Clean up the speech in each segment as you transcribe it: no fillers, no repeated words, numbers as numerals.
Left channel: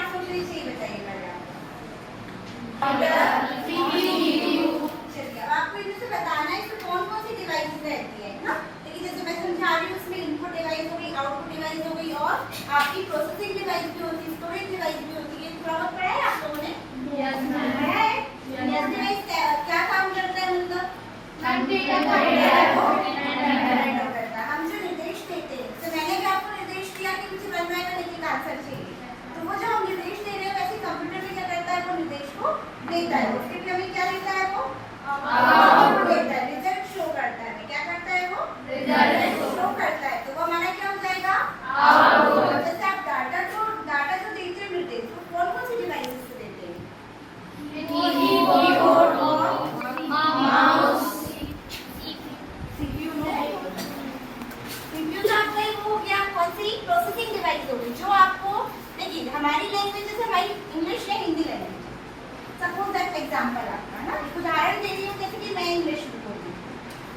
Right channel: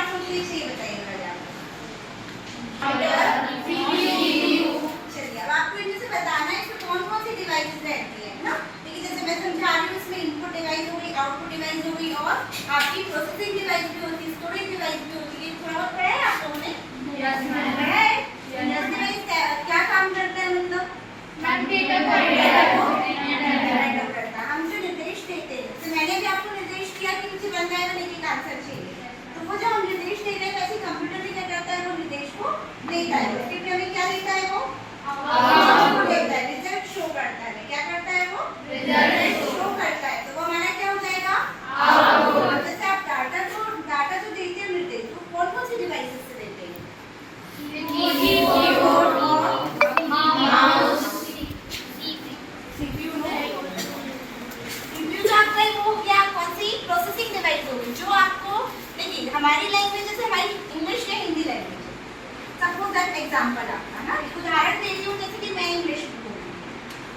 Smartphone से चाहिए बताइए पहले आप। चलिए अब आपको इनमें से बताना है इसमें कौन कौन सी डिवाइसेस रहती है ना। देखिए जैसे मैं समझा रही हूँ इसमें इनपुट डिवाइस हो गई, आउटपुट डिवाइस हो गई और आपकी प्रोसेसिंग डिवाइस भी होती है, स्टोरेज डिवाइस भी होती है। थोड़ा बहुत पढ़ा है आप लोगों ने? डिवाइस क्या काम करता है मतलब हम जो निर्देश देते हैं, तो मैंने भी आपको निर्देश दिया कि मुझे बनना है तो एक आंसर चाहिए, तो वो जो हम निर्देश दे रहे हैं वैसे कंप्यूटर भी क्या करता है, वो निर्देश को देता है। उसके लिए हमें क्या देता है, वो आउटपुट देता है, रिजल्ट शो करता है। क्या करता है, वो रिजल्ट शो करता है। तो वो हमारा क्या हो जाएगा, आउटपुट। जैसे आप डाटा जो देते हैं निर्देश, तो कौन कौन सी डिवाइसेस से देते हैं? कीबोर्ड और माउस, सीपीयू जो आपका वो क्या कौन सी प्रोसेसिंग डिवाइस होगी जो आपको, देखिए हमारी लैंग्वेज जैसे हमारी इंग्लिश या Hindi language, suppose that example आपका ना, उदाहरण दे रही हूँ जैसे कि मैं इंग्लिश बोलूँ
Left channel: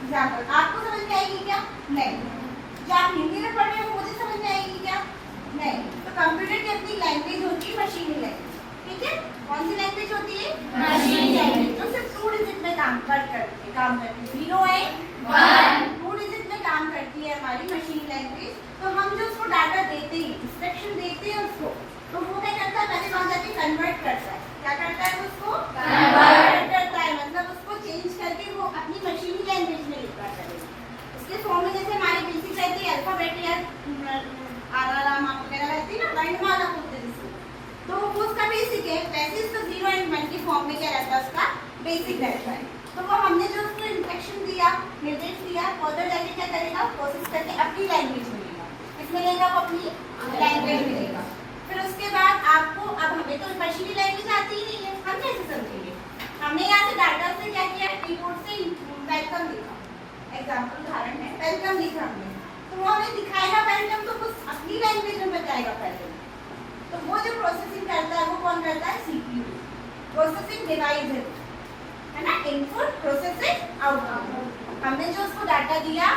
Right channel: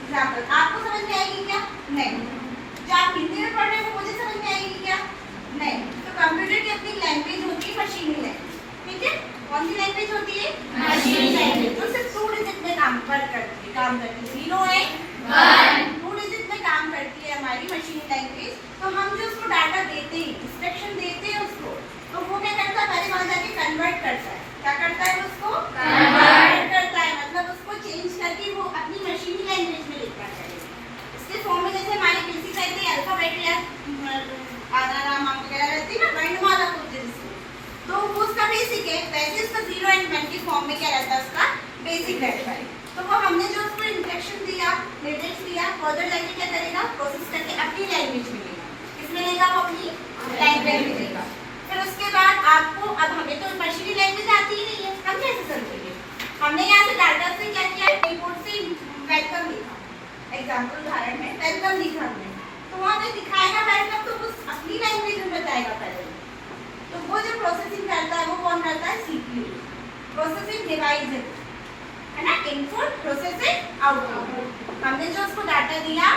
एग्जांपल, आपको समझ में आएगी क्या? नहीं। जो आप हिंदी में पढ़ रहे हो मुझे समझ में आएगी क्या? नहीं। तो कंप्यूटर की अपनी लैंग्वेज होती है मशीनी लैंग्वेज, ठीक है? कौन सी लैंग्वेज होती है? मशीनी लैंग्वेज, जो सिर्फ 2 डिजिट में काम करती है 0 एंड 1 2 डिजिट में काम करती है हमारी मशीनी लैंग्वेज। तो हम जो उसको डाटा देते हैं, इंस्ट्रक्शन देते हैं उसको, तो वो क्या करता है, पहले वहां जाके कन्वर्ट करता है। क्या करता है, उसको कन्वर्ट करता है, मतलब उसको चेंज करके वो अपनी मशीनी लैंग्वेज में लिखता है। इसके फॉर्म में जैसे हमारी बेसिक रहती है अल्फाबेट या आराम वगैरह रहती है ना, वर्णमाला बोलते हैं जिसको, तो वो उसका बेसिक है। वैसे इसका 0 एंड 1 की फॉर्म में क्या रहता है, उसका बेसिक रहता है। तो वो हमने जो उसको इंस्ट्रक्शन दिया, निर्देश दिया, फर्दर जाके क्या करेगा, प्रोसेस करके अपनी लैंग्वेज में लेगा। किसमें लेगा, वो अपनी लैंग्वेज में लेगा। फिर उसके बाद आपको, अब हमें तो मशीनी लैंग्वेज आती ही नहीं है, हम कैसे समझेंगे? हमने यहाँ से डाटा से क्या किया, कीबोर्ड से वेलकम लिखा, एग्जाम्पल उदाहरण है, वेलकम लिखा हमने, तो वो हमें दिखाएगा वेलकम, तो वो अपनी लैंग्वेज में बताएगा पहले। तो वो जो प्रोसेसिंग करता है वो कौन करता है, सीपीयू, प्रोसेसिंग डिवाइस है ना, इनपुट प्रोसेसिंग आउटपुट। हमने जो उसको डाटा दिया,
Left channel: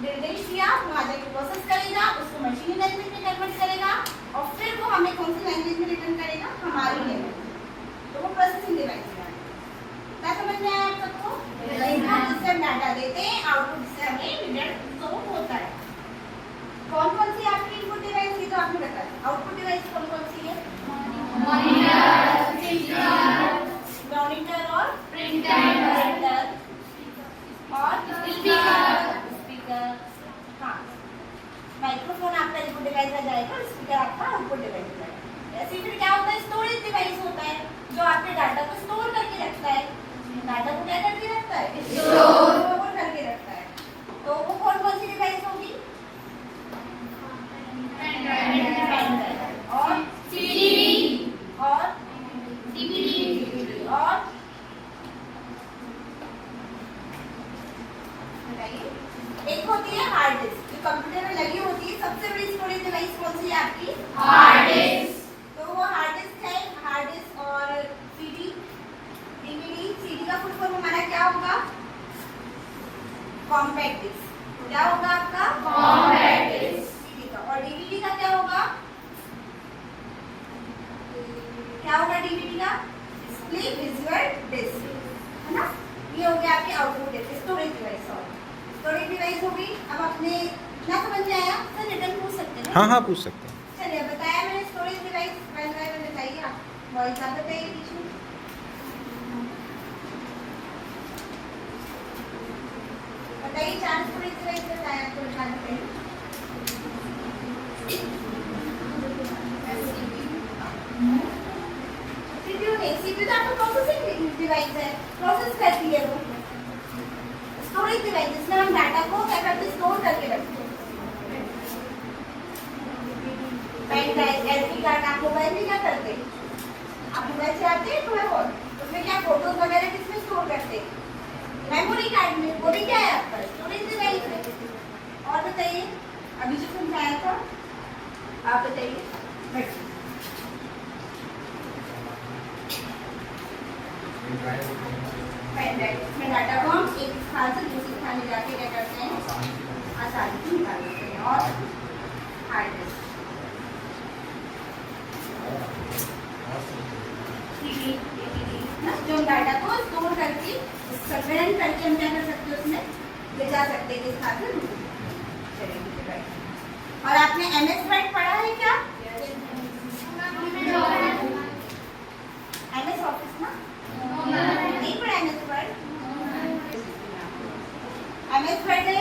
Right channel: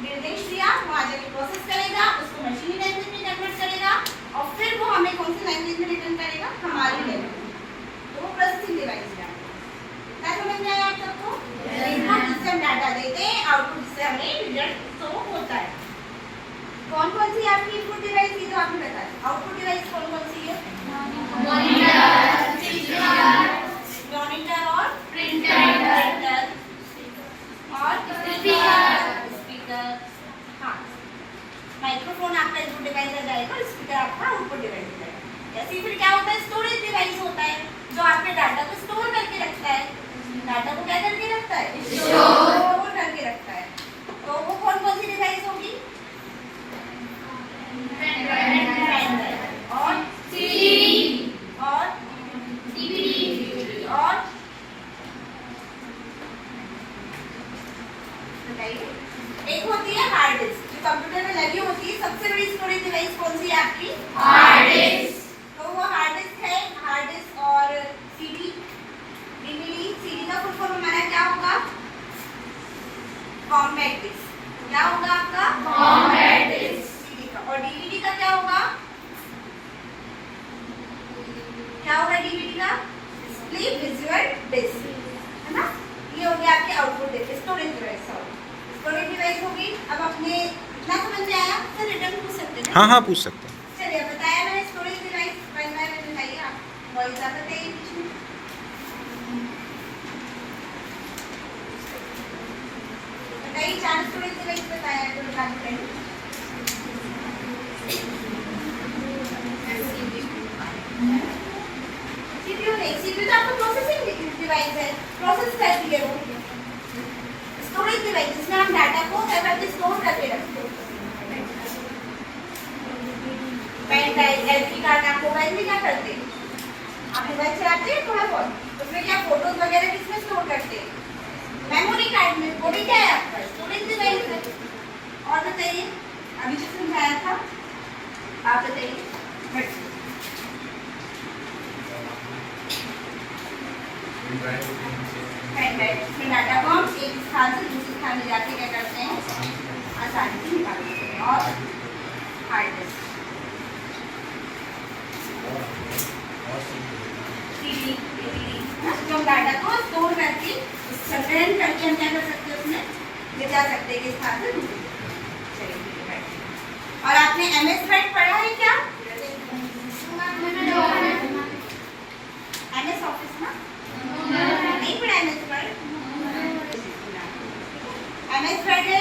निर्देश दिया, वो आ जाके प्रोसेस करेगा, उसको मशीनी लैंग्वेज में कन्वर्ट करेगा और फिर वो हमें कौन सी लैंग्वेज में रिटर्न करेगा, हमारी लैंग्वेज। तो वो प्रोसेसिंग डिवाइस है। क्या समझ में आया आप सबको? इनपुट जिससे हम डाटा देते हैं, आउटपुट जिससे हमें रिजल्ट शो होता है। कौन कौन सी आपकी इनपुट डिवाइस थी, तो आपने बताया। आउटपुट डिवाइस कौन कौन सी है? मॉनिटर और प्रिंटर और स्पीकर। हाँ, माइक्रोफोन आपका इनपुट डिवाइस आ जाएगा, स्पीकर आपका आउटपुट डिवाइस आ जाएगा। ऐसे फिर क्या होता है, स्टोरेज डिवाइस होता है जो आपके डाटा को स्टोर करके रखता है। डाटा को क्या करके रखता है, स्टोर करके रखता है। तो वो कौन कौन सी डिवाइस होगी? और सीडी और डीवीडी और एक होती है हार्ड डिस्क, जो कंप्यूटर में लगी होती है। सबसे बड़ी स्टोरेज डिवाइस कौन सी है आपकी? Hard disk. तो वो हार्ड डिस्क है, हार्ड डिस्क और सीडी, डीवीडी। सीडी का फुल फॉर्म हमारा क्या होगा? Compact disk. क्या होगा आपका? Compact disc. सीडी का। और डीवीडी का क्या होगा? क्या होगा डीवीडी का? डिस्प्ले विजुअल डिस्क, है ना। ये हो गया आपके output device, storage device. Storage device होगी। अब आपने इतना समझ में आया, फिर रिटर्न पूछ सकते हैं। हाँ पूछ सकते हैं। चलिए बताया मैंने storage device, one by one बताइए आप। वॉइस ज़्यादा बताइए बीच में। बताइए 4 स्टोरेज डिवाइस बताया तो बता देते हैं। सीपीयू नहीं, सीपीयू तो आपका प्रोसेसिंग डिवाइस है, प्रोसेस करती है वो। स्टोरेज डिवाइस जिसमें हम डाटा को क्या करते, स्टोर करके रखते हैं। पेन ड्राइव, एसडी कार्ड, आप मोबाइल में क्या करते हैं, आप मोबाइल से आते हैं थोड़ा बहुत, उसमें क्या फोटोज वगैरह किसमें स्टोर करते हैं, मेमोरी कार्ड में। वो भी क्या है आपका, स्टोरेज डिवाइस है। और बताइए, अभी जो समझाया था आप बताइए। पेन ड्राइव में डाटा को हम एक स्थान से दूसरे स्थान में जाके क्या करते हैं, आसानी से निकाल सकते हैं। और हार्ड डिस्क डाटा को स्टोर करके संग्रहण करके हम क्या कर सकते हैं उसमें ले जा सकते हैं किस स्थान से दूसरे। चलिए, और आपने MS वर्ड पढ़ा है क्या? MS ऑफिस ना नहीं पढ़ा MS वर्ड। MS वर्ड है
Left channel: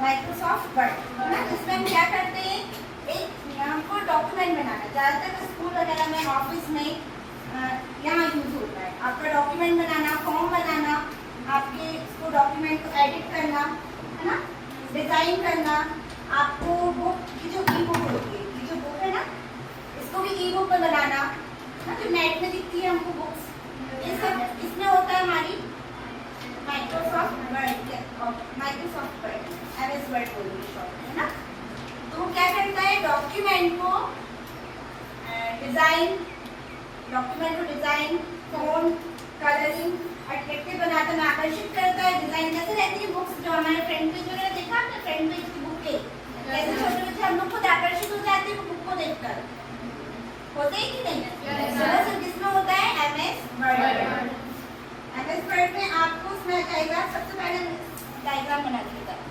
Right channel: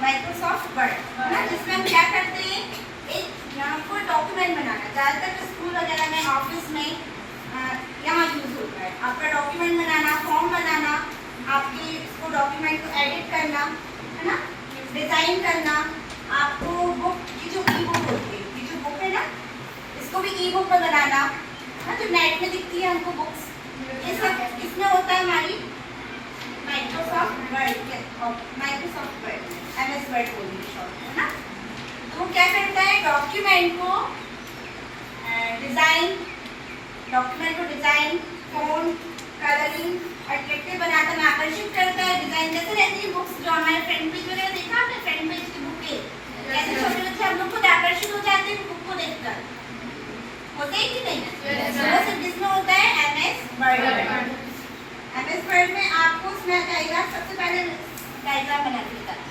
माइक्रोसॉफ्ट वर्ड है ना, जिसमें हम क्या करते हैं एक हमको डॉक्यूमेंट बनाना, ज़्यादातर स्कूल वगैरह में ऑफिस में यहाँ यूज होता है। आपका डॉक्यूमेंट बनाना, फॉर्म बनाना, आपके इसको डॉक्यूमेंट को एडिट करना है ना, डिजाइन करना, आपको बुक की जो ई बुक होती है, ये जो बुक है ना इसको भी ई बुक में बनाना ना, जो नेट में दिखती है हमको बुक्स, ये सब इसमें होता है हमारी माइक्रोसॉफ्ट वर्ड MS वर्ड बोलिए शॉर्ट है ना। तो क्या करता है डॉक्यूमेंट को डिजाइन, फोन, कलरिंग, अट्रैक्टिव बनाता है, आकर्षित करता है। डिजाइन जैसे रहती है बुक्स जो हमारे फ्रंट पेज वगैरह देखा आपने, फ्रंट पेज की बुक के ऐसे छोटे बच्चे हम लोग खुद आकर्षित हो जाते हैं बुक को देखकर, होते हैं कि नहीं? जिसमें होता है MS वर्ड। MS वर्ड में आपको उसमें आ जाएगा, सबसे पहले डायग्राम बना के करते हैं।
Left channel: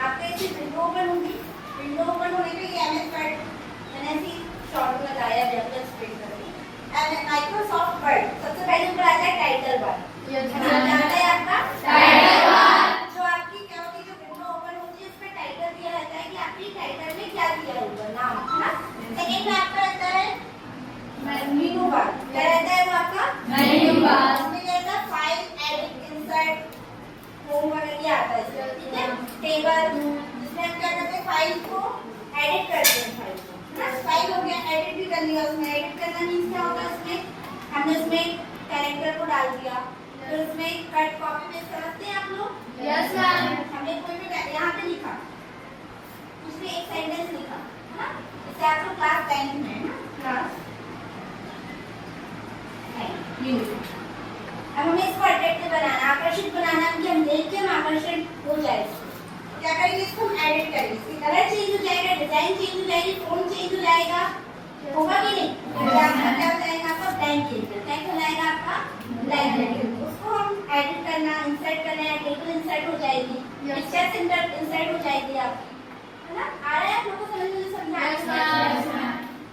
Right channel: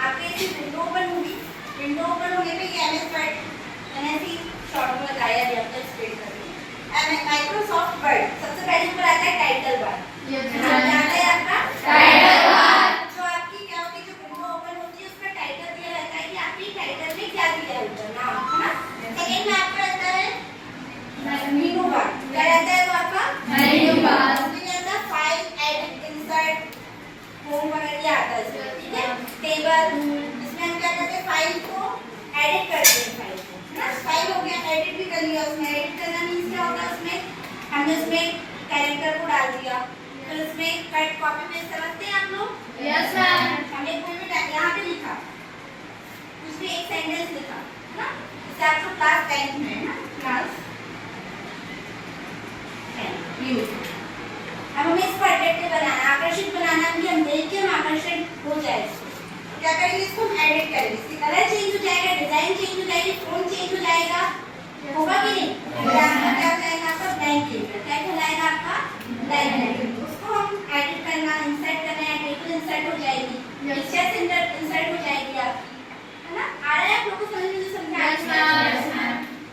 आपके ऐसी विंडो ओपन होगी, विंडो ओपन होने पे ये MS वर्ड मैंने ऐसी शॉर्ट में बताया भी आपको एक्सप्लेन करेंगे। माइक्रोसॉफ्ट वर्ड सबसे पहले ऊपर आता है टाइटल बार, क्या आता है आपका टाइटल बार। जो आपकी क्या होती है, जो विंडो ओपन होती है उसका टाइटल दिया रहता है कि आपकी टाइटल में क्या दिया है ऊपर नाम है ना। सेकंड में आपका रहता है मेनू बार, क्या रहता है वो आपका मेनू बार। उसमें क्या रहता है फाइल, एडिट, इंसर्ट, होम वगैरह आता है इसमें, ठीक है। टेबल, जिसमें हम क्या करते हैं फाइल को एडिट करते हैं, फाइल को ना, फाइल हो गया एडिट भी कर लिया। उसमें एडिट करना मींस क्या होता है, उसमें हमने उसमें कैरेक्टर को डाल दिया, फिर उसमें कट कॉपी पेस्ट समझते हैं आप लोग? Yes ma'am. हमने कोई भी यहाँ पे लिखा, उसमें एक सेंटेंस लिखा है ना, जैसे आप लोग क्लास 10 में है ना, क्लास 10 अब हमें इसको अट्रैक्टिव बनाना, आकर्षित बनाना, कि हम देख के हम आकर्षित हो जाए। क्या करेंगे, इसको हम एडिट करेंगे, इसकी कलर चेंज हो जाएगा, डिजाइन चेंज हो जाएगी, फोन चेंज हो जाएगा, होगा कि नहीं? आपका क्या हो जाएगा, आपका ब्लैंक लेटर, क्या कहलाएगा आपका ब्लैंक लेटर। उसको हम एडिट करना, इंसर्ट करना है, टेबल इंसर्ट हो जाएगी, पिक्चर्स इंसर्ट हो जाएगी आपकी, है ना। आ रहा है आप लोगों को समझ में, समझा?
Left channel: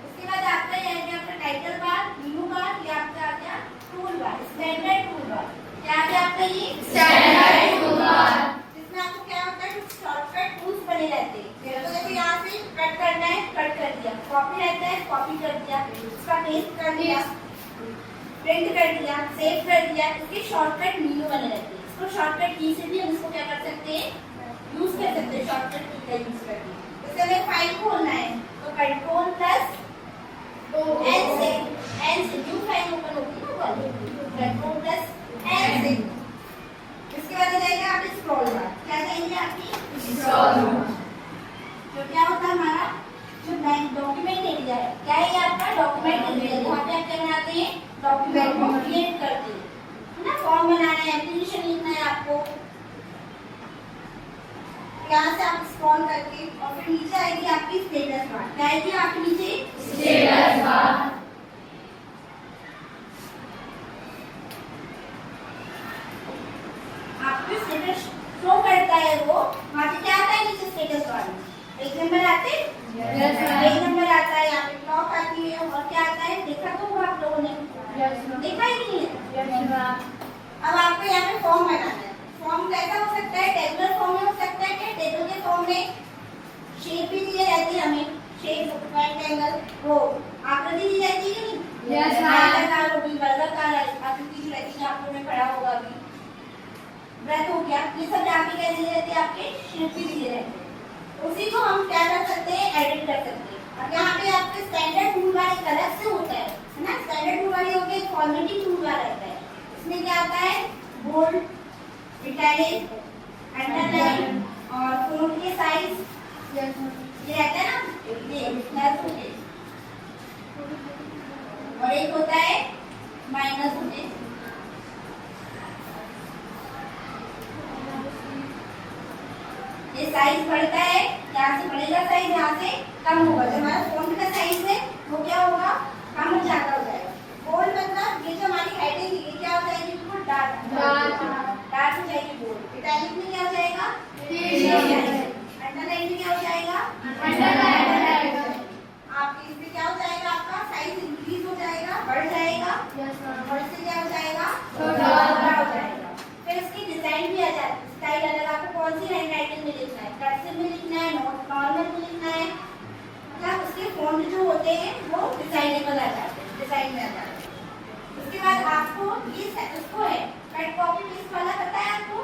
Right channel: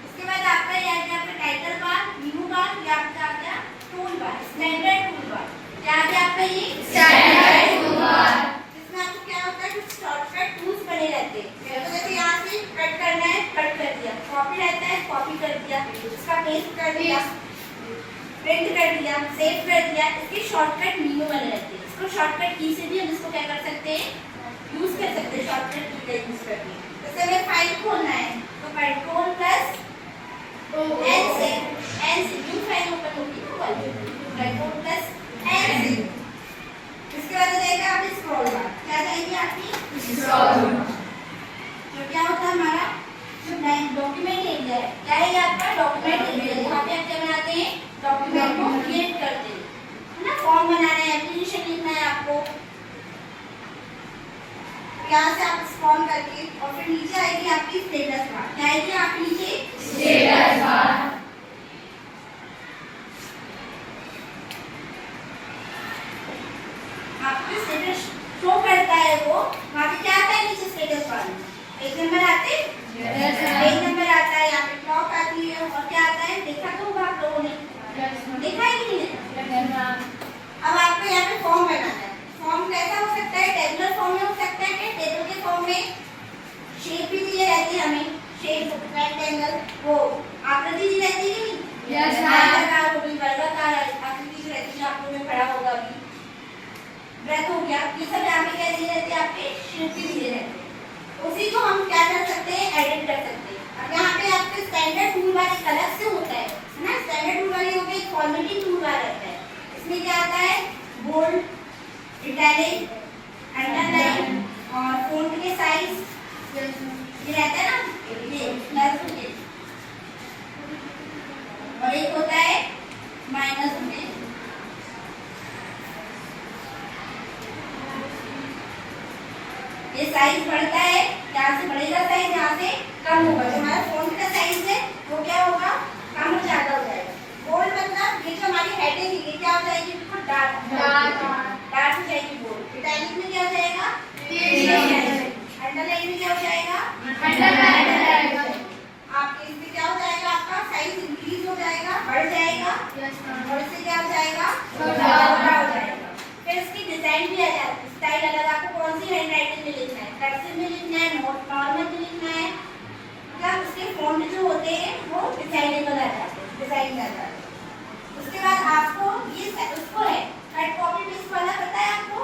उसके बाद आपका ये आ गया आपका टाइटल बार, मेनू बार, ये आपका आ गया tool bar, standard tool bar. क्या आ गया आपका ये स्टैंडर्ड टूल बार, जिसमें आपको क्या होता है कुछ शॉर्टकट टूल्स बने रहते हैं। तो जैसे यहाँ से कट करना है, कट कर दिया, कॉपी रहता है, कॉपी कर दिया, उसका पेस्ट कर दिया, प्रिंट कर दिया, सेव कर दिया, इसके शॉर्टकट मेनू बने रहते हैं। इसको शॉर्टकट की से भी हम इसको क्या कर सकते हैं, यूज कर सकते हैं, शॉर्टकट की का यूज करके। जैसे हमें फाइल खोलना है तो कंट्रोल प्लस एन से न्यू फाइल ओपन होगी ना, वाली कंट्रोल प्लस एन से। इसके बाद आ जाएगा आप स्क्रॉल बार, क्या जाएगी आपकी स्क्रॉल बार। तो क्या होता है हमारा जो डॉक्यूमेंट एरिया है, क्या है आपका डॉक्यूमेंट एरिया, जहाँ पे आप क्या बनाते हैं, डॉक्यूमेंट को क्रिएट करते हैं, है ना। फॉर्म बनाना है, एप्लीकेशन लिखना है आपको, यहाँ से आप स्क्रॉल करके और फिर नीचे आएगी आपकी स्टेटस बार। क्या आएगी आपके नीचे स्टेटस बार। आपको स्टेटस शो करता है वो, वहाँ पे क्या आता है नीचे स्टेटस बार में, पेज नंबर आते हैं? पेज नंबर आता है, यहाँ पे क्लॉक आती है और क्या आता है? देखा तो होगा आप लोगों ने, देखा है कि नहीं? अब आपको यहाँ पे फॉर्म बनाना है। फॉर्म कैसा हो सकता है? टेबुलर फॉर्म में हो सकता है कि टेबल के फॉर्म में शेप भी दी रहती है हमें, शेप रेक्टेंगल, वो आकृति दी रहती है नहीं? यस आयताकार होगी, वर्गाकार आकृति जो रहती है आपको में पढ़ा होगा अभी। वृत्त हो गया, ये सब यहाँ पे क्या दिए रहते हैं? आपके शेप भी दिए रहते हैं। उसी को हम क्या कर सकते हैं? एडिट कर सकते हैं। अब यहाँ पे आपके स्टैंडर्ड टूल बार एक अलग से होता है ना? स्टैंडर्ड टूल बार ये हो गया, एक फॉर्मेटिंग टूल बार रहता है। इसमें क्या आता है? बोल्ड, इटैलिक, अंडरलाइन और फॉन्ट के साइज ये रहता है ना, ये प्लस और एक होता है माइनस में। ये साइज बढ़ता है, यहाँ से बढ़ेगा साइज, यहाँ से कम होगा। जो हमारा फॉन्ट का साइज है वो क्या होगा? कम हो जाता हो जाएगा। बोल्ड मतलब ये जो हमारी हेडिंग है ये क्या हो जाएगी? बिल्कुल डार्क डार्क हो जाएगी बोल्ड। इटैलिक में क्या हो जाएगा? अंडरलाइन में क्या हो जाएगा? अंडरलाइन। आपके इसमें क्या हो जाएगा? आपका साइज इंक्रीज हो जाएगा, बढ़ जाएगा और इससे क्या हो जाएगा? बड़ा हो जाएगा। फिर इसकी डिजाइन भी आ जाती है, स्टाइल अलग। आपको कौन सी हैंडराइटिंग में लिखना है? कर्सिव में लिखना है, नॉर्मल में लिखना है, मतलब उसके फॉन्ट जो होते हैं वो डिजाइनेबल आ जाते हैं, डिजाइन में आ जाते हैं। उसके बाद आपको ये उसको है कट कॉपी पेस्ट वाला, पता है आपको?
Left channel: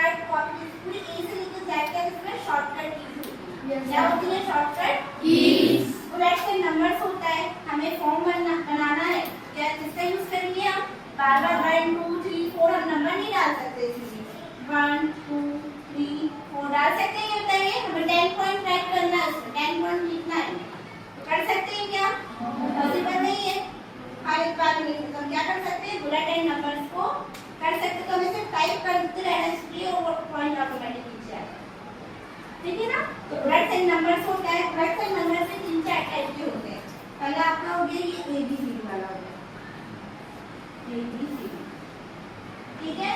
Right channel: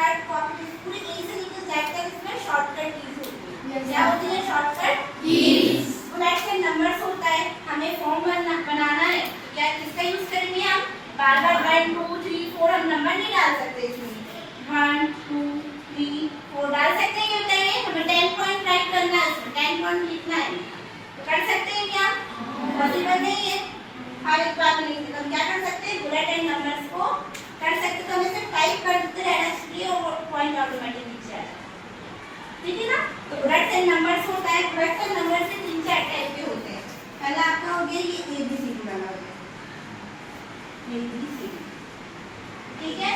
कट कॉपी पेस्ट पूरी इजीली लिख सकते हैं। इसमें शॉर्टकट कीज होती है। क्या होती है? Shortcut keys. Bullets and numbers होता है। हमें फॉर्म बनाना है, क्या किसका यूज करेंगे हम? बार-बार 1 2 3 4 हम नंबर नहीं डाल सकते इसमें। 1 2 3 4 डाल सकते हैं? बताइए, हमें 10 पॉइंट राइट करना है, इसमें 10 पॉइंट लिखना है, तो कर सकते हैं क्या? पॉसिबल नहीं है। हम एक बार लिखते तो हम क्या कर सकते हैं? बुलेट एंड नंबर्स को कर सकते, तो हमें सिर्फ टाइप करते रहना चाहिए और पॉइंट ऑटोमेटिक नीचे आ जाएगा। ठीक है ना? तो बुलेट्स एंड नंबर्स होता है। बुलेट्स एंड नंबर से 3-4 टाइप के होते हैं। पहला आपका हो गया ये ABCD वाला हो गया, ABCD, ठीक है।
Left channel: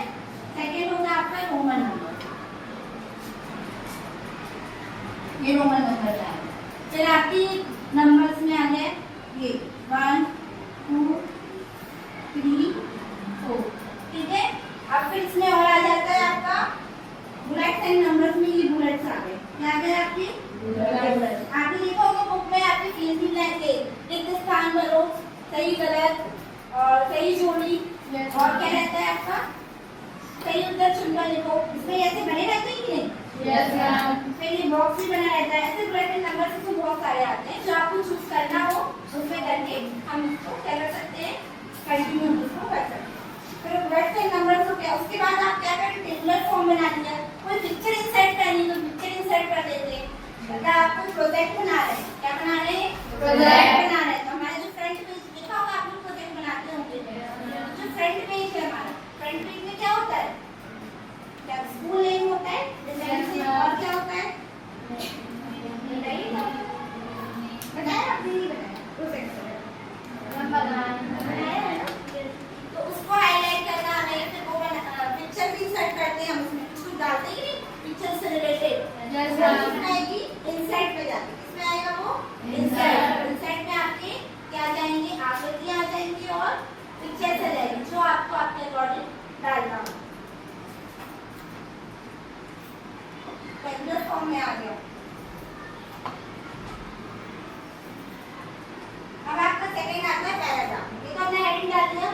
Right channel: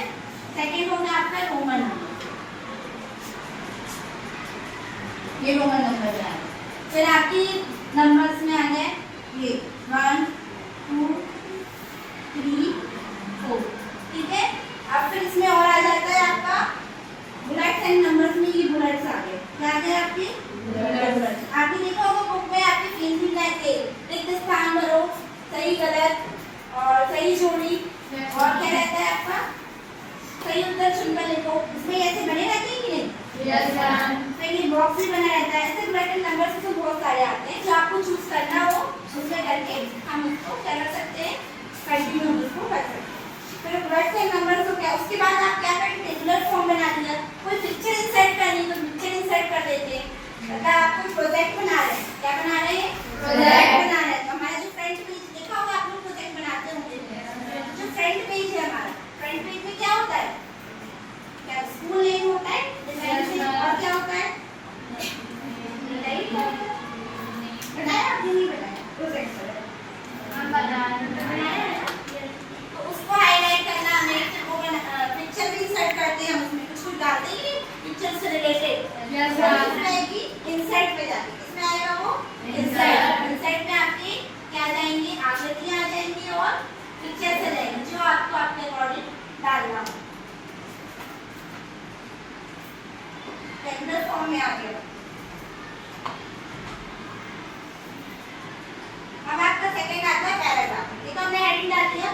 सेकंड होगा आपका रोमन नंबर, ये रोमन नंबर है। फिर आपकी नंबर्स में आ गए ये 1 2 3 4, ठीक है। अब फिर इसमें और आ जाता है आपका बुलेट्स एंड नंबर्स में, ये बुलेट्स आ गए। क्या आ गए? आपकी बुलेट्स। आपने देखा होगा बुक में आपकी पेंसिल लेके रिक्त स्थान भरो, सही गलत और सही जोड़ी, और क्या रहता है आपका? सही उत्तर चुनकर लिखो। इसमें ऐसे बने रहते हैं कि नहीं? Yes ma'am. फिर ये बॉक्स भी बना रहता है। ऐसे बुलेट एंड नंबर से तो बहुत सारे आते हैं, जो आपको चूज करना हो उसमें करके हम उसको क्या कर सकते हैं? कंटिन्यू उसको कर सकते हैं। फिर बुलेट एंड नंबर तो क्या, उसके बाद आप क्या करें? टेबुलर फॉर्म बना दिया। कोई पिक्चर इंसर्ट करनी तो पिक्चर इंसर्ट कर देते हैं। मतलब आप कोई प्रोजेक्ट बना रहे हैं, क्या बना रहे हैं? प्रोजेक्ट बना रहे हैं। तो हमारा जो फ्रंट पेज देखा होगा, आप लोग प्रोजेक्ट बनाते होंगे, जो फ्रंट पेज है हमारा, फ्रंट पेज में क्या होता है? क्या स्कूल नेम होता है, डिजाइन से, और क्या होता है? बनाया आपने? नहीं बनाया, प्रोजेक्ट बनाया। तो उसको हाईलाइट करना हमें, फिर वो पिक्चर भी इंसर्ट करते हैं हम, उसमें कुछ डालते हैं पिक्चर से रिलेटेड। Yes ma'am. आएगी इंसर्ट पे जाती है। किसमें आएगा वो? इंसर्ट। इंसर्ट में आपके क्या जाएंगे? आकृतियां आ जाएंगी और पिक्चर से जाएंगी, जो आपको अपने अकॉर्डिंग डालना हो। टेबुलर फॉर्म में आ गया। अब आपका सेकंड आता है पैराग्राफ। ये तो हमने हेडिंग डाल दिया,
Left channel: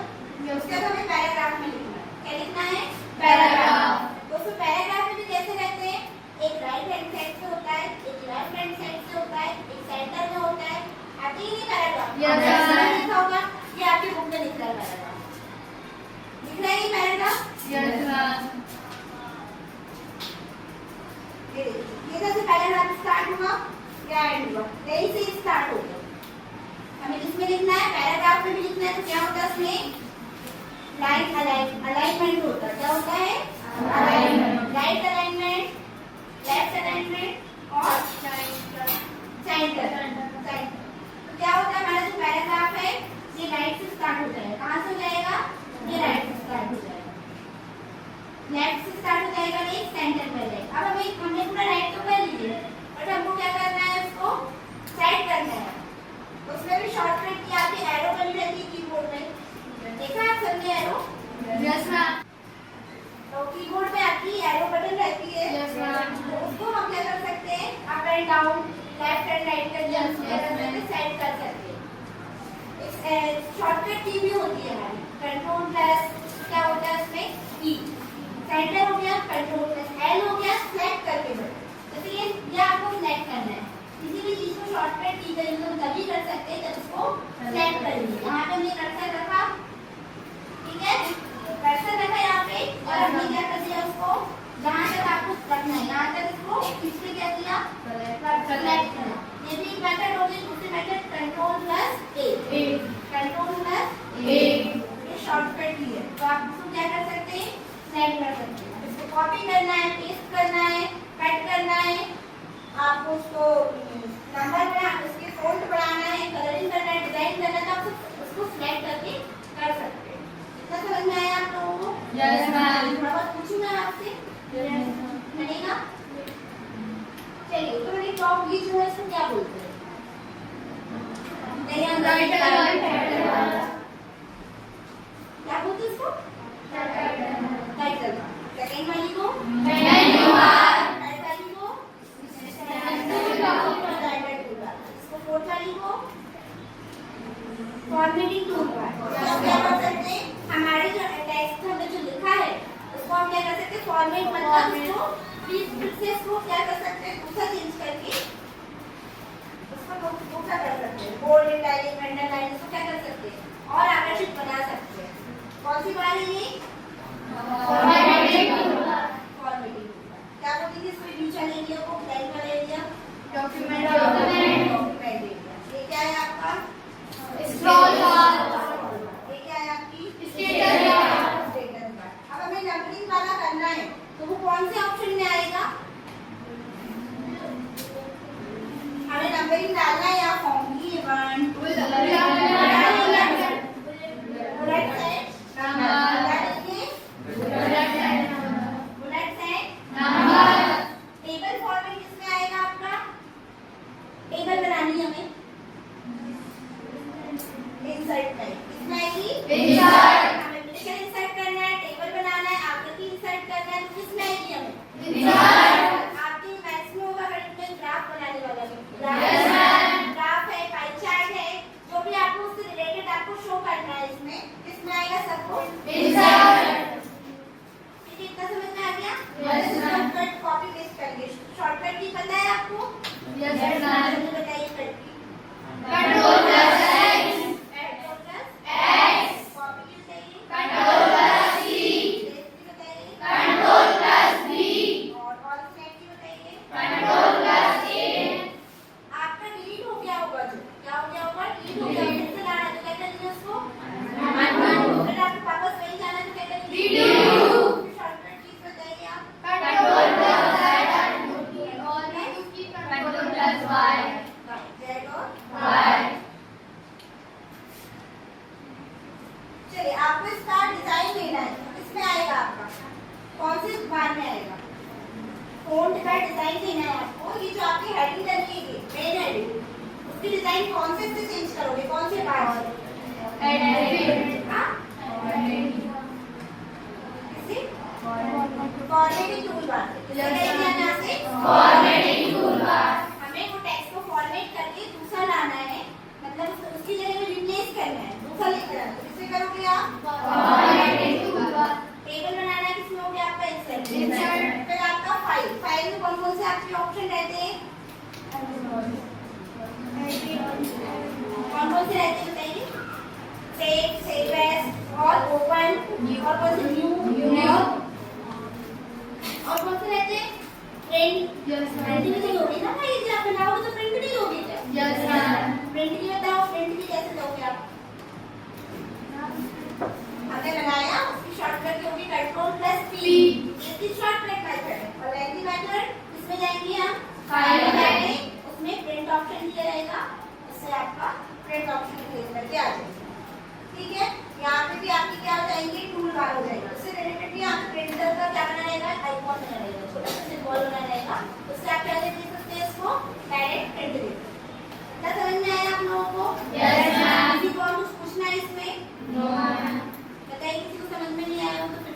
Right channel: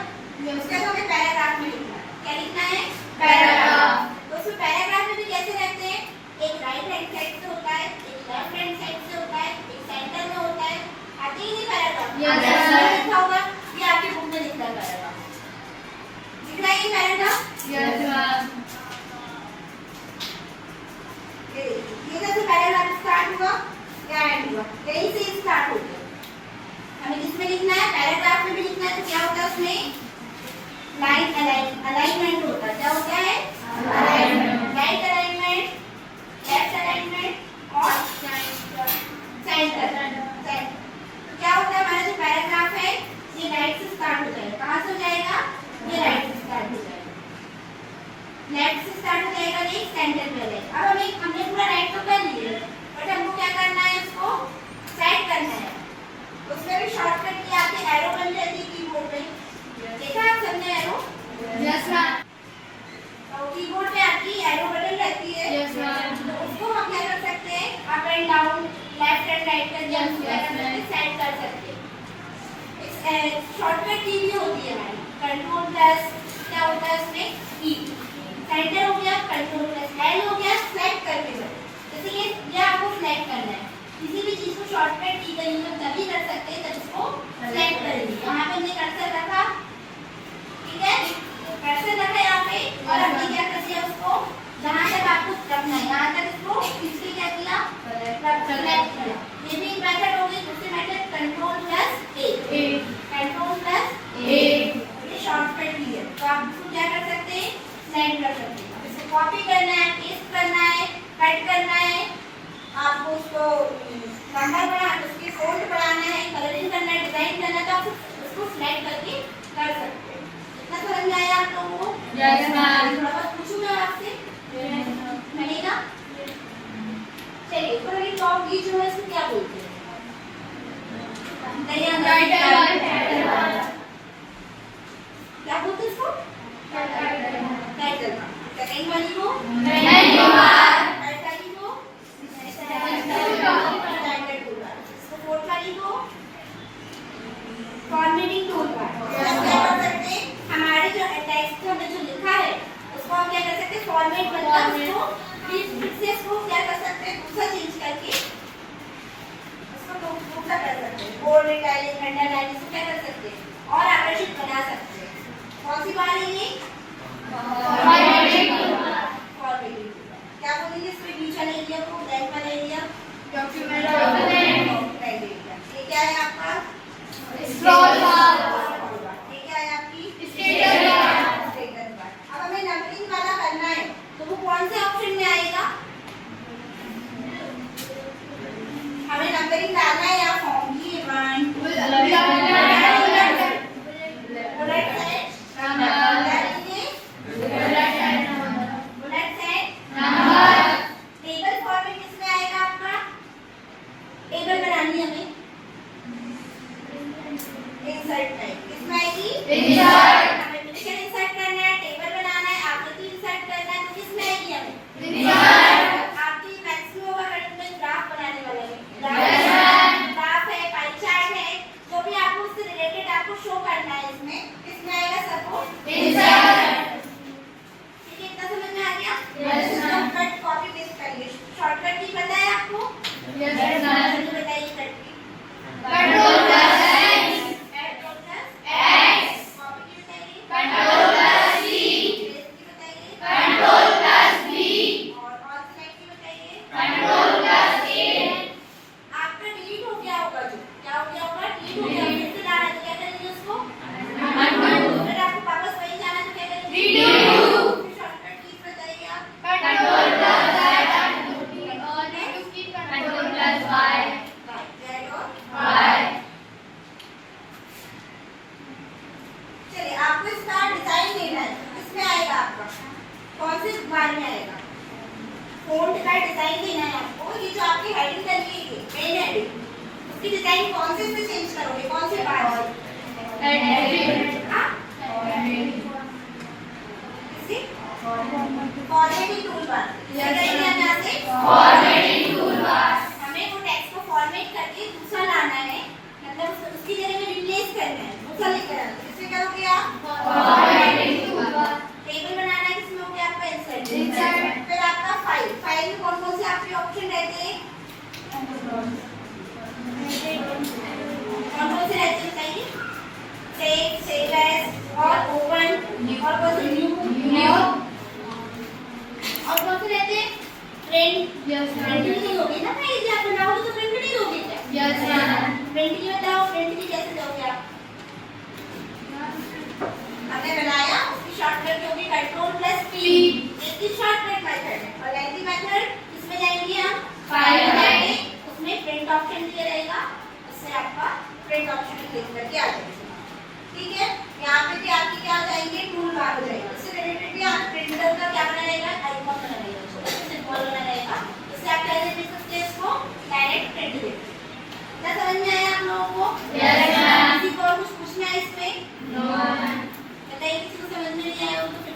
उसके बाद हमें पैराग्राफ में लिखना है। क्या लिखना है? पैराग्राफ। तो उसमें पैराग्राफ में भी कैसे रहते हैं? एक राइट हैंड साइड से होता है, एक लेफ्ट हैंड साइड से होता है, एक सेंटर में होता है। आती है ये पैराग्राफ? यस। लिखा होगा, ये आपकी बुक में लिख रहा है पैराग्राफ। लिख रहा है ये पैराग्राफ? Yes ma'am. ये जैसे पैराग्राफ स्टार्ट हुआ या एंड हुआ, यहीं से स्टार्ट हो गया। हमें जिसमें लिखना है पैराग्राफ में भी लिखना है, तो क्या होता है उसमें? लाइन अलाइनमेंट होता है। क्या होता है? Alignment. Right alignment, left alignment और सेंटर। तो क्या होता है? हमारा जो पैराग्राफ है ये राइट से स्टार्ट हो जाएगा। कहाँ से हो जाएगा? ये राइट से स्टार्ट हो जाएगा। लेफ्ट से स्टार्ट हो जाएगा, नेक्स्ट सेंटर पहले। अब हमने पूरा राइट तो कर लिए, बट हमको क्या करना है, उसको सेट करना है। उसमें भी शॉर्टकट की आपकी एरो बन रहती है कीबोर्ड में, देखा आप सबने एरो? Yes ma'am. तो कीबोर्ड पे आपकी एरो बटन रहती है। Yes ma'am. तो उसको हम क्या कर सकते हैं, up and down, left and right कर दिया, उसको क्या कर सकते हैं, सेट कर सकते हैं। शॉर्टकट की भी होती है हमारी, कंट्रोल प्लस क्या होता है उसमें, ई। सेंटर हो गया, कंट्रोल प्लस एल हो गया, सेलेक्ट करके बटन। जैसे ये आपको सिलेक्ट करना है, किसी भी चीज को शॉर्टकट की गई तो तभी कर सकते हैं जब इसको सिलेक्ट करेंगे। यहाँ पे हमने कर्सर रखा, ठीक है, कर्सर रखा यहाँ पे, और हमने क्या कर दिया, उसको जहाँ तक आपको रखना है यहाँ तक इसको खींच के क्या किया, सेलेक्ट किया। ये भी मेथड हो गई। दूसरी मेथड कंट्रोल प्लस ए, कंट्रोल प्लस ए, ये शॉर्टकट की है। तो आप इसको क्या कर सकते हैं, सेलेक्ट कर सकते हैं। इसको कॉपी करना है, पेस्ट करना है, कट करना है, आपको उसको नंबर बढ़ाना, उसके फॉन्ट बढ़ाना है, कलरिंग करना है, डिजाइन करना है, तो आप उसको सिलेक्ट करके कर सकते हैं। इतना समझ में आया आप लोगों को? Yes ma'am. थोड़ा बहुत पूछूं मैं आपसे, मिलेगा? चलिए, ऊपर वाली टॉप व्ही जो है इसको क्या बोलते हैं? क्या बोलते हैं इसको? टाइटल। सेकंड वाली को टाइटल वाली को टाइटल टूलबार। इसको फोर्थ वाली को फॉर्मेटिंग टूलबार। हम क्या कर सकते हैं, हमारे जो टेक्स्ट में जो लिखा है उसको हम क्या कर सकते हैं, फॉर्मेट मतलब उसको फिर से इसको क्या कर सकते हैं, दूसरा चेंज करके उसको दूसरा कर सकते हैं, बोल्ड, इटैलिक, अंडरलाइन, इसको क्या कर सकते हैं और आकर्षित बना सकते हैं। कौन सी बात है ये? Formatting toolbar. क्या बोलेंगे इसको, इंग्लिश वाले एरिया को, ब्लैक वाले एरिया, डॉक्यूमेंट एरिया। ये क्या है आपका, स्क्रॉल बार। ये क्या है आपकी, स्टेटस बार। Status bar. अब हमें नंबरिंग वाला करना है तो वो कौन से ऑप्शन में आएगा, हमें नंबरिंग डालना है या फॉर्म की 1 बुलेट सेट, टेबल फॉर्मेट किसमें आएगा आपका, टेबल बनानी हमें इंसर्ट में, किसमें आएगी, इंसर्ट। हमें पिक्चर इंसर्ट करना है, टेबल बनाना है, आकृति इंसर्ट करना है, तो किसमें आएगी हमें, इंसर्ट। आपकी मैक्सिमम होगा में ग्राफ बनाने वाला है, ग्राफ है, पाई चार्ट है, जो भी आपको उससे रिलेटेड आपको शो करना है, इसमें किसमें आएगा, सपोर्ट, इंसर्ट। ठीक है, इतना समझ में आ गया? Yes ma'am. Shortcut copy paste करिए। शॉर्टकट की पता है आपको? Yes ma'am. जल्दी बताइए कट की। Control plus x, control plus x, copy की बताइए, कंट्रोल प्लस सी, पेस्ट की बताइए, कंट्रोल प्लस बी, और कॉल सेलेक्ट की बताइए। कंट्रोल प्लस ए। आपका डिलीट हो गया होगा, जो क्या हो गया होगा, डिलीट हो गया, फिर से लाना तो क्या करेंगे उसको, अगर आपको वापस वही जाना तो क्या करेंगे, रीडू। शॉर्टकट की बताइए आप, कंट्रोल प्लस जेड और उसकी कंट्रोल प्लस वाई, जेड और वाई। चलिए, आपको इसका डिजाइन देना है, इसमें आएगा आपका कौन से बार में आएगा, फ़ॉन्ट का डिजाइन देना है आपको। ये जो आपकी हेडिंग डली है, मेन हेडिंग, उसकी डिजाइन कौन से से चेंज करोगे, कौन से बार से, हाँ, किसी फॉर्मेटिंग टूलबार, यहाँ से फॉर्मेटिंग टूलबार। हमें वो टेक्स्ट को फॉर्मेट करके दूसरा लाना है, मतलब उसकी जगह में रिप्लेस करना है, दूसरा लेकर आना है। किससे करोगे आप, फॉर्मेटिंग टूलबार। टेबल बनाना है, किसमें हो गया आपका, इंसर्ट। इंसर्ट। फिर आपका फाइल में कौन कौन से आपके ऑप्शन रहते हैं, कौन कौन से रहते हैं बताइए, सेव एज और ओपन और कौन से न्यू और कौन से रहते हैं, प्रिंट। Yes print ma'am. नहीं होगी ना भाई, जब आप बनाओगे तो प्रिंट नहीं होगी क्या, यस मैम। प्रिंट की बताओ, प्रिंट की कैसे दोगे आप, हमने बनाया उसकी शॉर्टकट होगी कंट्रोल प्लस पी, इसकी शॉर्टकट मेथड है। और लेंथी मेथड इसमें जाएंगे हम फाइल बनाएंगे, उसमें प्रिंट ऑप्शन दिया रहेगा, उससे आपका प्रिंट ऑप्शन क्लिक करके आ जाएगा। ठीक है, यहाँ पे भी आपकी क्या हो जाएंगे, टूल बार हो जाएगी, इससे रिलेटेड भी आप प्रिंटर का क्या आप लोगों को? Yes, ma'am. किसी को और कुछ पूछना है इसमें? No, ma'am. बताइए, किसी को समझ में नहीं आया हो तो फिर